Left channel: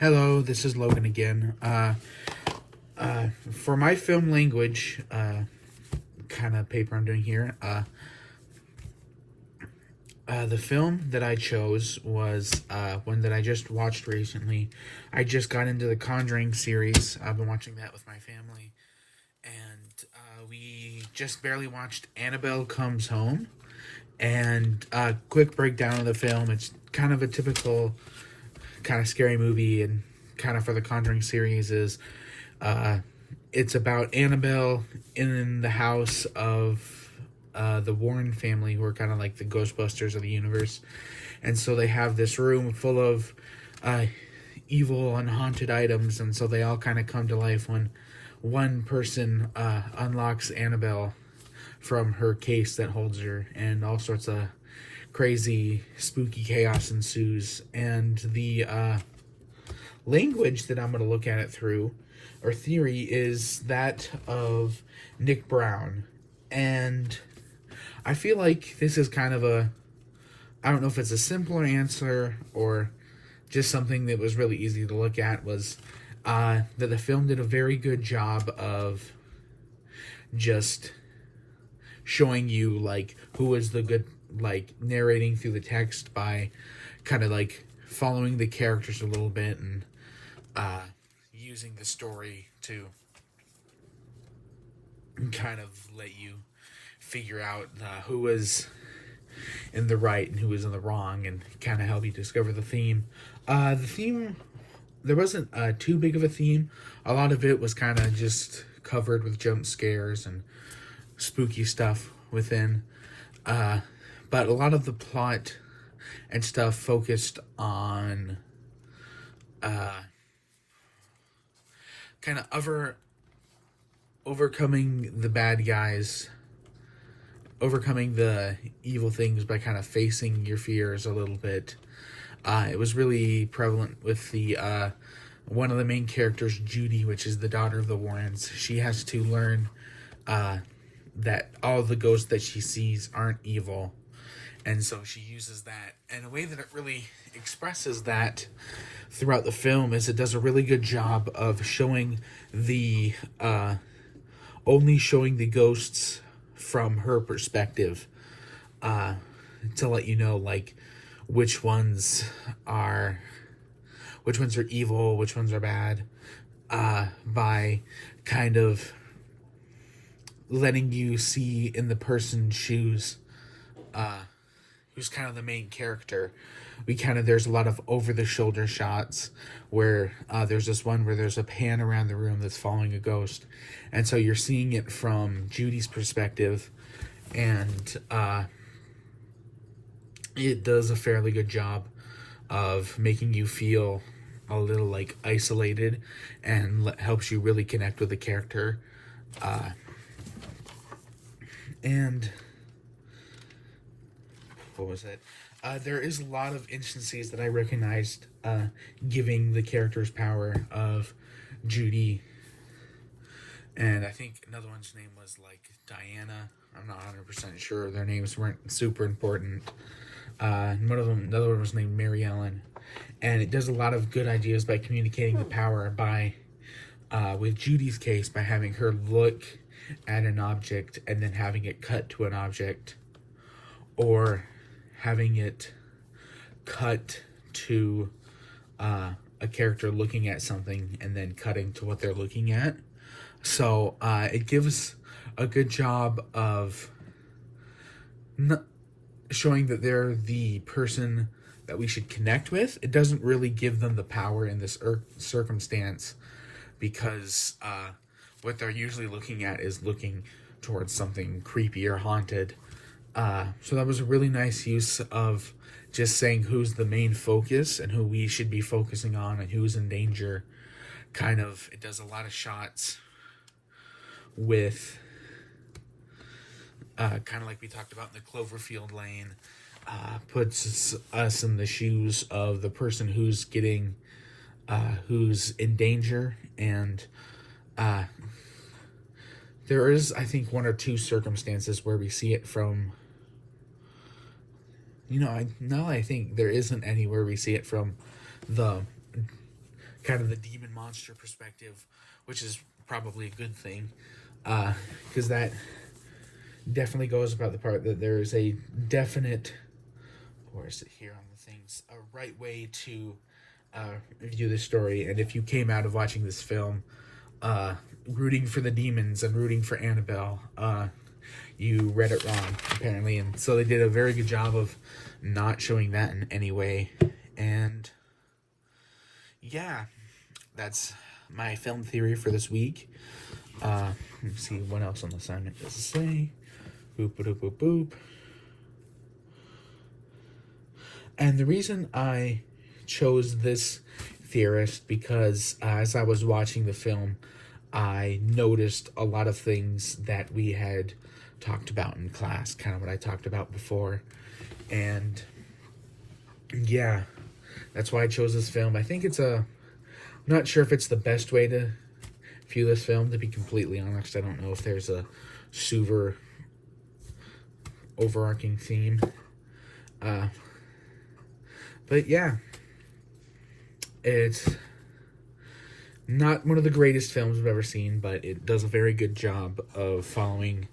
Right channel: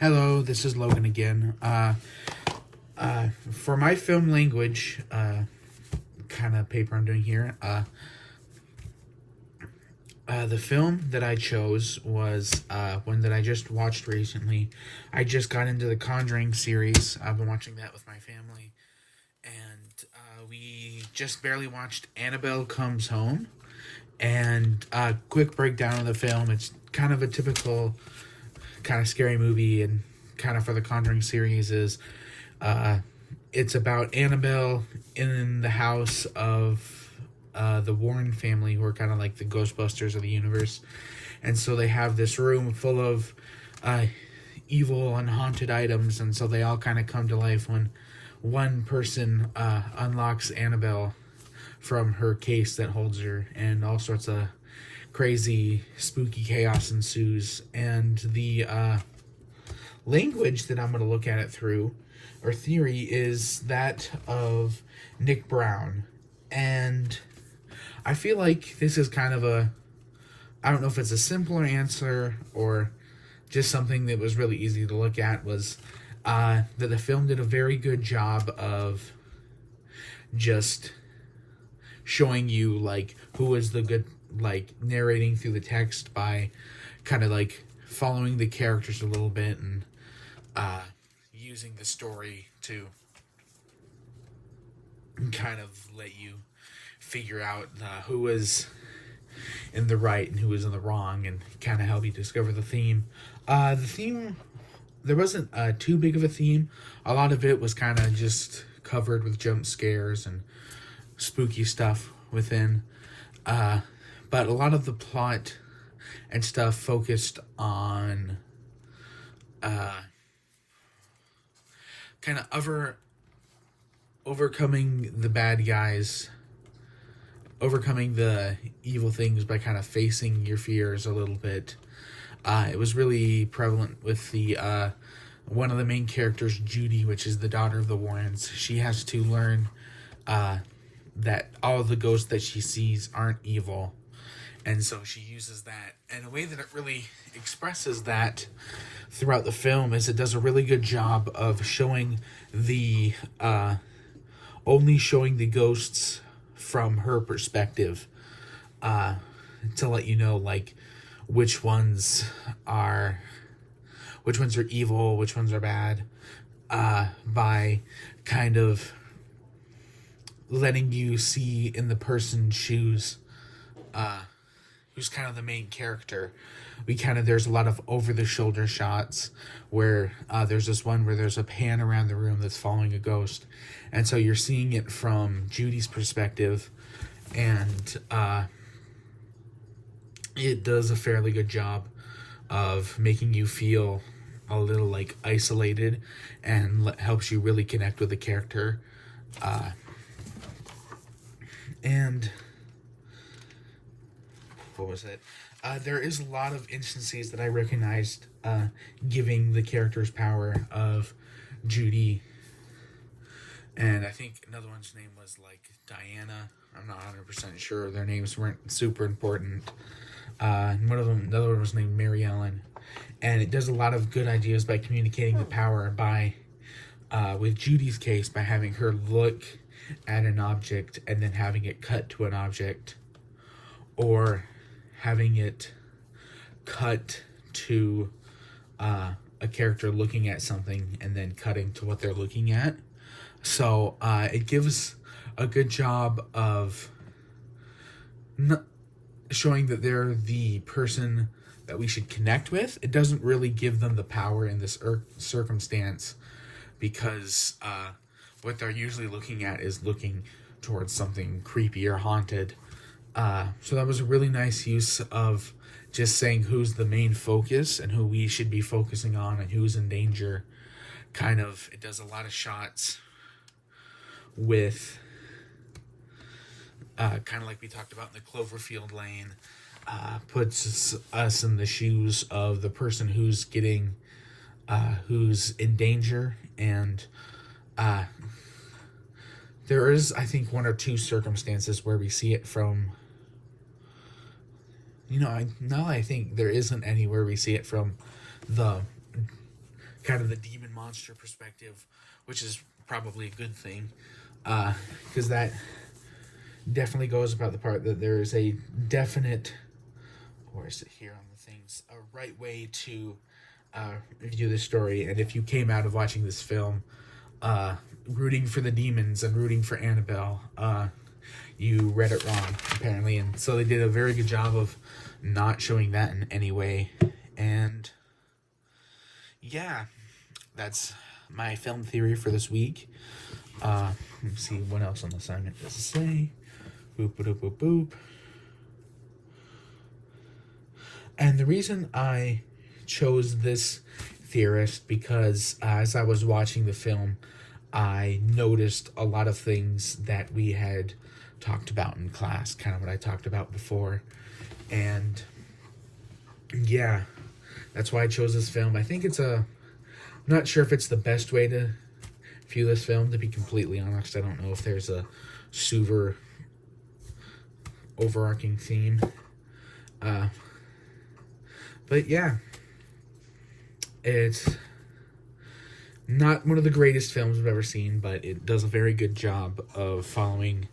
Hello, this is Logan again. For my film language, kind of paper I'm doing here, the film that I chose was one that I just watched recently. I just got into the Conjuring series. I've been watching that with my family, and we just barely watched Annabelle Comes Home. And quick breakdown of the film. It's kind of a typical kind of scary movie, and kind of for the Conjuring series is uh, it's about Annabelle in the house of the Warren family, who are kind of like the Ghostbusters of the universe. And so they have this room full of uh, evil and haunted items, and so they all kind of come to life when one person unlocks Annabelle from her case that holds her, and all sorts of crazy, spooky chaos ensues. And the language that I'm going to look at it through, or theory, is that of Nick Brown. And I feel like this is kind of I don't know if it's a simpler answer or just something that was really easy to look at, was that the film did a very good job of just showing you like who is the good, like narrating through the text by kind of like following the characters a little bit, and using the story to kind of let you figure out who was in the right and who was in the wrong, and kind of help you discover the theme. The theme, there wasn't too big of a theme. A lot of it was kind of just covered with jump scares and spooky stuff within. But a lot of the plot and stuff focused on kind of overcoming the bad guys, overcoming the evil things by kind of facing your fears a little bit. It was really prevalent with the one of the main characters, Judy, which is the daughter of the Warrens. She has to learn that all the ghosts that she sees aren't evil, and so she uses that. And a way that it really expresses that throughout the film is it does a really good job of showing the only showing the ghosts from her perspective, to let you know like which ones are evil, which ones are bad, by kind of letting you see in the person's shoes, who's kind of the main character. There's a lot of over the shoulder shots where there's this one where there's a pan around the room that's following a ghost, and so you're seeing it from Judy's perspective, and it does a fairly good job of making you feel a little like isolated, and helps you really connect with the character. And what was it? There is a lot of instances that I recognized giving the character's power of Judy. And I think another one's name was like Diana. I'm not 100% sure. Their names weren't super important. Another one was named Mary Ellen. And it does a lot of good ideas by communicating the power by, with Judy's case, by having her look at an object and then having it cut to an object, or having it cut to a character looking at something and then cutting to what they're looking at. So it gives a good job of showing that they're the person that we should connect with. It doesn't really give them the power in this circumstance, because what they're usually looking at is looking towards something creepy or haunted. So that was a really nice use of just saying who's the main focus and who we should be focusing on and who's in danger. It does a lot of shots with kind of like we talked about in the Cloverfield Lane, puts us in the shoes of the person who's in danger. And there is, I think, one or two circumstances where we see it from, I think there isn't anywhere we see it from the kind of the demon monster perspective, which is probably a good thing, because that definitely goes about the part that there is a definite, where is it here on the things, a right way to view the story. And if you came out of watching this film rooting for the demons and rooting for Annabelle, you read it wrong, apparently. And so they did a very good job of not showing that in any way. And yeah, that's my film theory for this week. Let's see what else on the assignment does it say. Boop, boop, boop, boop. And the reason I chose this theorist, because as I was watching the film, I noticed a lot of things that we had talked about in class, kind of what I talked about before. And yeah, that's why I chose this film. I think I'm not sure if it's the best way to view this film, to be completely honest. I don't know if there's a super overarching theme. But yeah, it's not one of the greatest films I've ever seen, but it does a very good job of following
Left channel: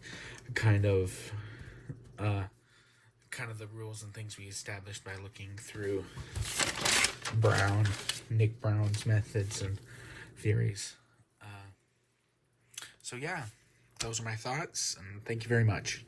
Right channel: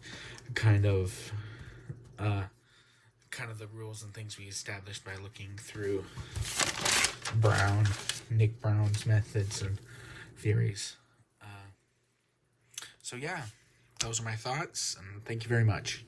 kind of the rules and things we established by looking through Nick Brown's methods and theories. So yeah, those are my thoughts, and thank you very much.